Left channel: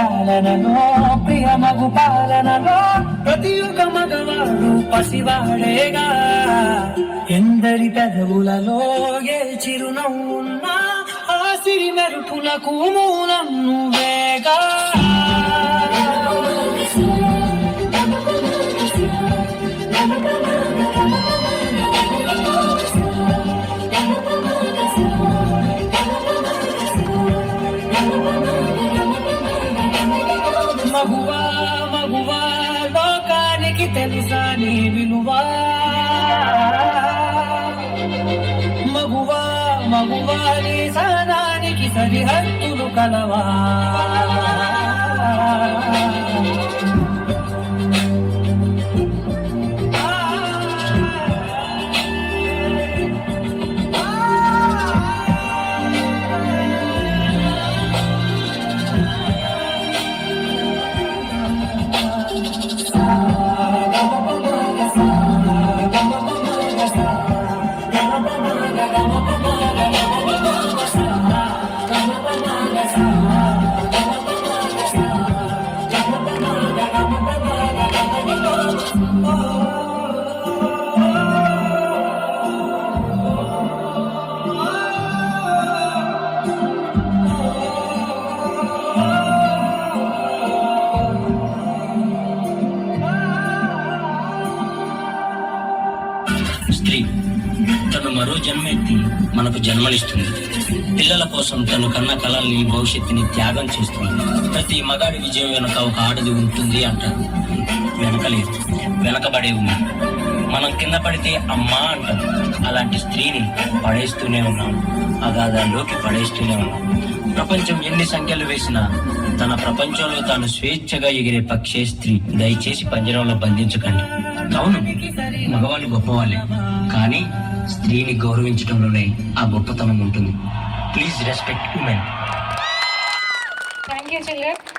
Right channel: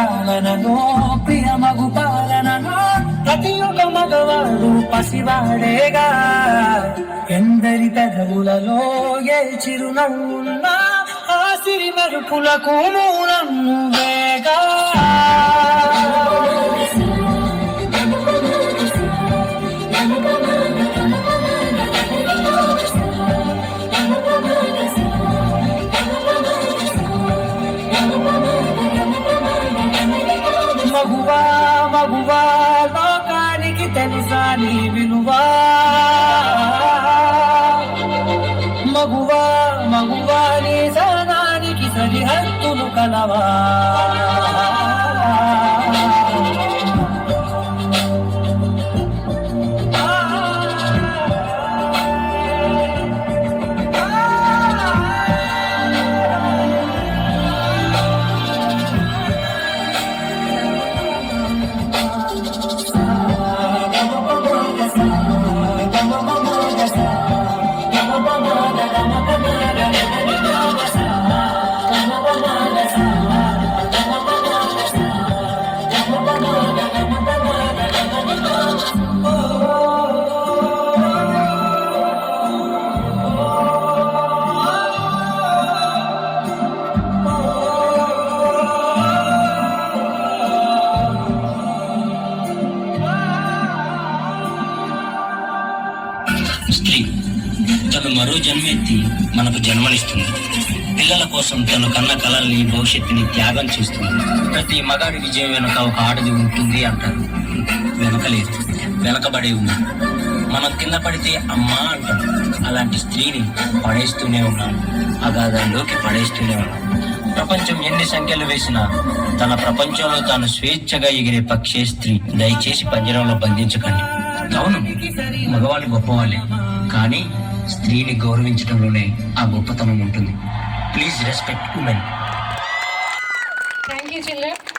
పాలనలో ప్రియ మగు పాలనలో ప్రతి ఒక్క మగవాడు పసివాడేగా. ఎందరి పెదవులలో ఏ చిరునవ్వున్నా ఆ సిరి మెరుపులకు మూలం నువ్వేగా. మగువా మగువా లోకానికి తెలుసా నీ విలువా. మగువా మగువా నీ సహనానికి సరిహద్దులు కలవా. స్త్రీ తను మరో జన్మెత్తి మనకు జన్మనిస్తుంది. పిల్లల కోసం తను కన్న కలల్ని భవిష్యత్తుని త్యాగం చేస్తుంది. ప్రతి మగాడి విజయం వెనుక ఒక ఆడది ఉంటుంది అంటారు. వెనకలేదు, వెనకబడే ఉంది. మనం కింద పడితే అమ్మా అంటాం. అలాంటి స్త్రీని పడేస్తూనే ఉన్నాం, అగాధంలోకి పడేస్తూనే ఉన్నాం. ప్రపంచం ఎన్ని సంఖ్యలు వేసినా తన ప్రపంచంలో తాను స్వేచ్ఛగా ఎగిరే పక్షే స్త్రీ. దయచేసి పంజరంలో బంధించకండి. అవును, మగవాళ్ళు గొప్పవాళ్ళే, కానీ స్త్రీని గౌరవించడంలోనే ఆ గొప్పతనం ఉంటుంది. Please respect women. Thank you, children.